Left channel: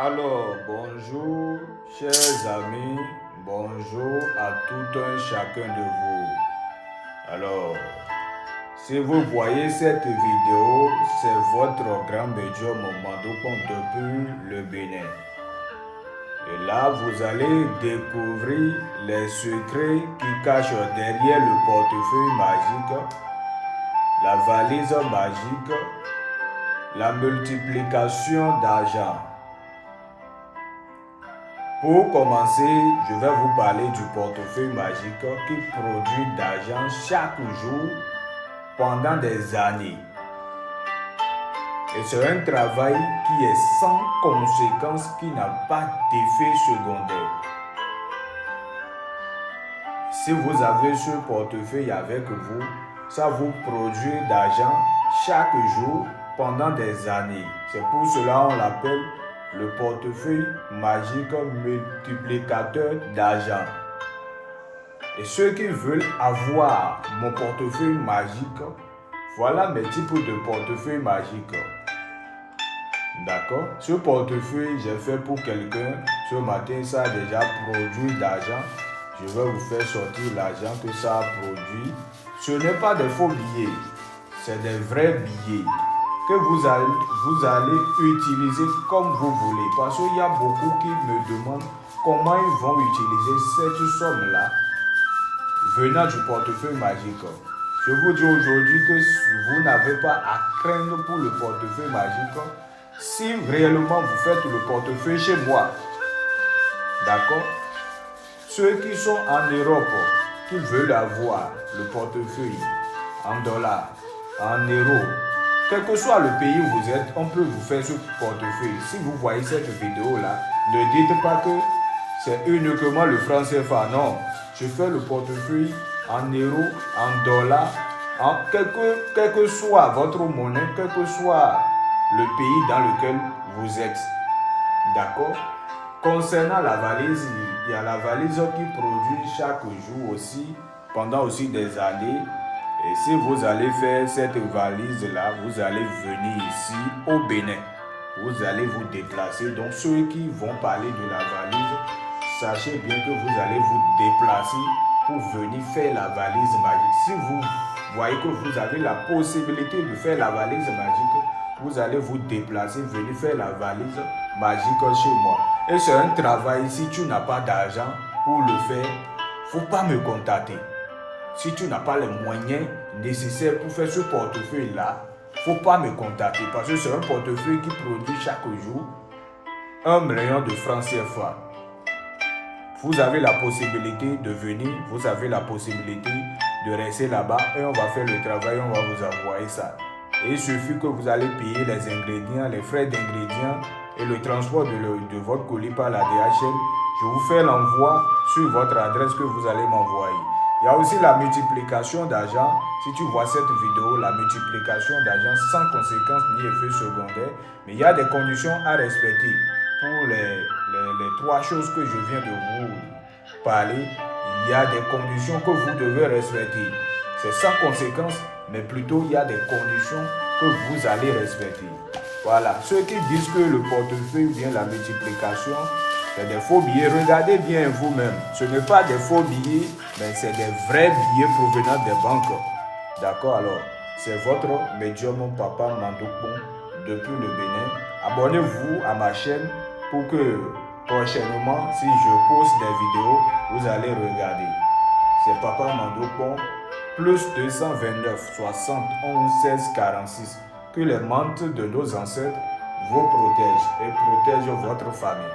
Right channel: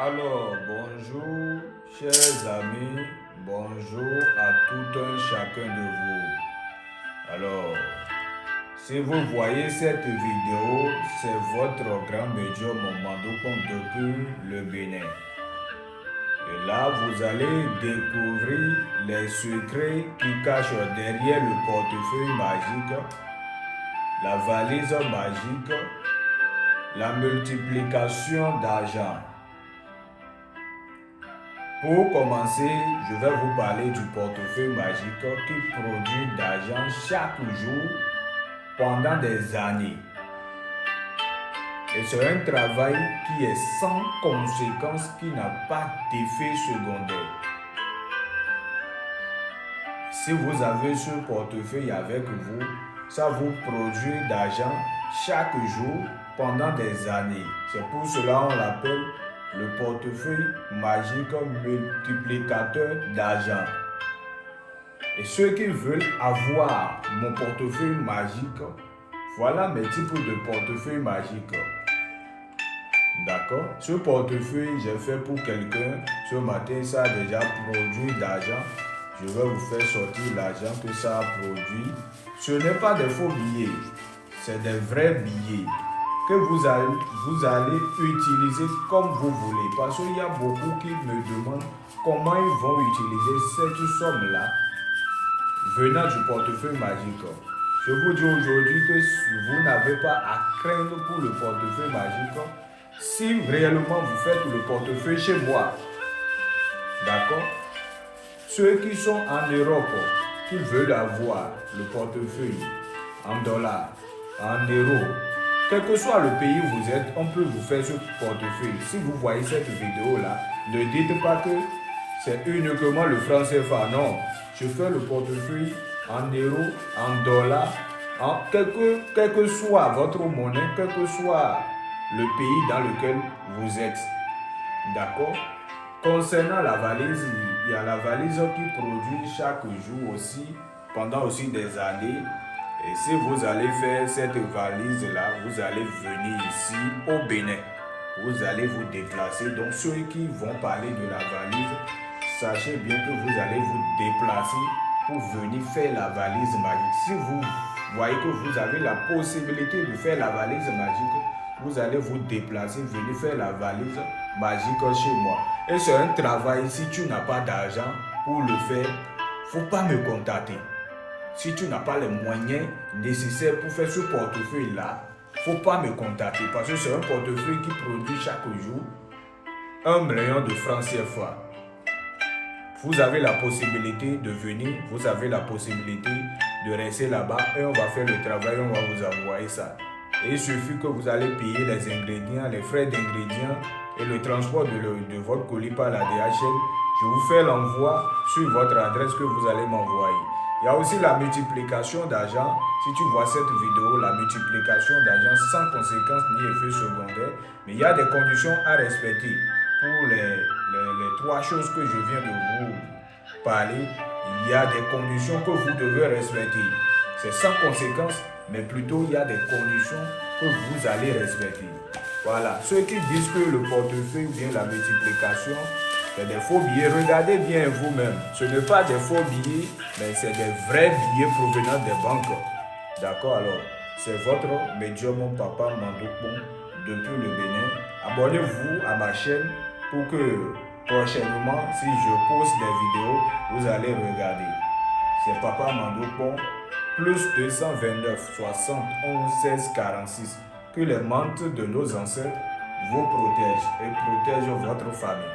Alors, bonjour, chers amis, bonjour à tout un chacun de vous. Alors, si vous voyez cette vidéo, c'est votre grand médium Mandopon depuis le Bénin. Et là, vous allez découvrir les secrets qui cachent derrière le portefeuille magique, la valise magique, la multiplication d'argent. Pour commencer, je vais vous parler du portefeuille magique qui produit d'argent chaque jour pendant des années. Et c'est un travail qui est sans conséquence, qui n'a pas d'effet secondaire. Si vous avez ce portefeuille avec vous, ça vous produit d'argent chaque jour pendant des années. C'est pour cela qu'on l'appelle le portefeuille magique multiplicateur d'argent. Et ceux qui veulent avoir mon portefeuille magique, voilà mes types de portefeuille magique. D'accord? Ce portefeuille, j'ai fait pour quelqu'un. Ce matin, ça a déjà produit d'argent. Je vais vous faire sortir l'argent que ça a produit. Ce n'est pas des faux billets, c'est des vrais billets que vous allez utiliser comme vous voulez. Parce qu'il y a beaucoup qui me demandent comment ils vont utiliser cette somme-là venant du portefeuille magique. Je vous dis aujourd'hui que vous n'avez pas à craindre pour le portefeuille magique si réellement vous faites le portefeuille chez moi. D'accord? Ceux qui sont en Europe, qui veulent avoir le portefeuille en dollars, en euros, quel que soit le pays où vous êtes, on peut vous faire ce portefeuille. Si vous voyez cette vidéo-là, ne dites pas que c'est uniquement le franc CFA. Non, je fais le portefeuille en euros, en dollars, en quel que soit votre monnaie, quel que soit le pays dans lequel vous êtes. D'accord? Concernant la valise, il y a la valise qui produit chaque jour aussi, pendant aussi des années. Et si vous allez faire cette valise-là, vous allez venir ici au Bénin. Vous allez vous déplacer. Donc ceux qui vont parler de la valise, sachez bien que vous allez vous déplacer pour venir faire la valise magique. Si vous voyez que vous avez la possibilité de faire la valise magique, vous allez vous déplacer, venir faire la valise magique chez moi. Et c'est un travail, si tu n'as pas d'argent pour le faire, il ne faut pas me contacter. Si tu n'as pas les moyens nécessaires pour faire ce portefeuille-là, il ne faut pas me contacter parce que c'est un portefeuille qui produit chaque jour 1 million de francs CFA. Vous avez la possibilité de venir, vous avez la possibilité de rester là-bas et on va faire le travail, on va vous envoyer ça. Et il suffit que vous allez payer les ingrédients, les frais d'ingrédients et le transport de votre colis par la DHL. Je vous fais l'envoi sur votre adresse que vous allez m'envoyer. Il y a aussi la multiplication d'argent. Si tu vois cette vidéo, la multiplication d'argent sans conséquence ni effet secondaire. Mais il y a des conditions à respecter. Pour les 3 choses que je viens de vous parler, il y a des conditions que vous devez respecter. C'est sans conséquence, mais plutôt il y a des conditions que vous allez respecter. Voilà, ceux qui disent que le portefeuille ou bien la multiplication, c'est des faux billets, regardez bien vous-même. Ce n'est pas des faux billets, mais c'est des vrais billets provenant des banques. D'accord, alors, c'est votre médium Papa Mandopon depuis le Bénin. Abonnez-vous à ma chaîne pour que prochainement, si je poste des vidéos, vous allez regarder. C'est Papa Mandopon, plus 229 71 16 46. Que les mantes de nos ancêtres vous protègent et protègent votre famille.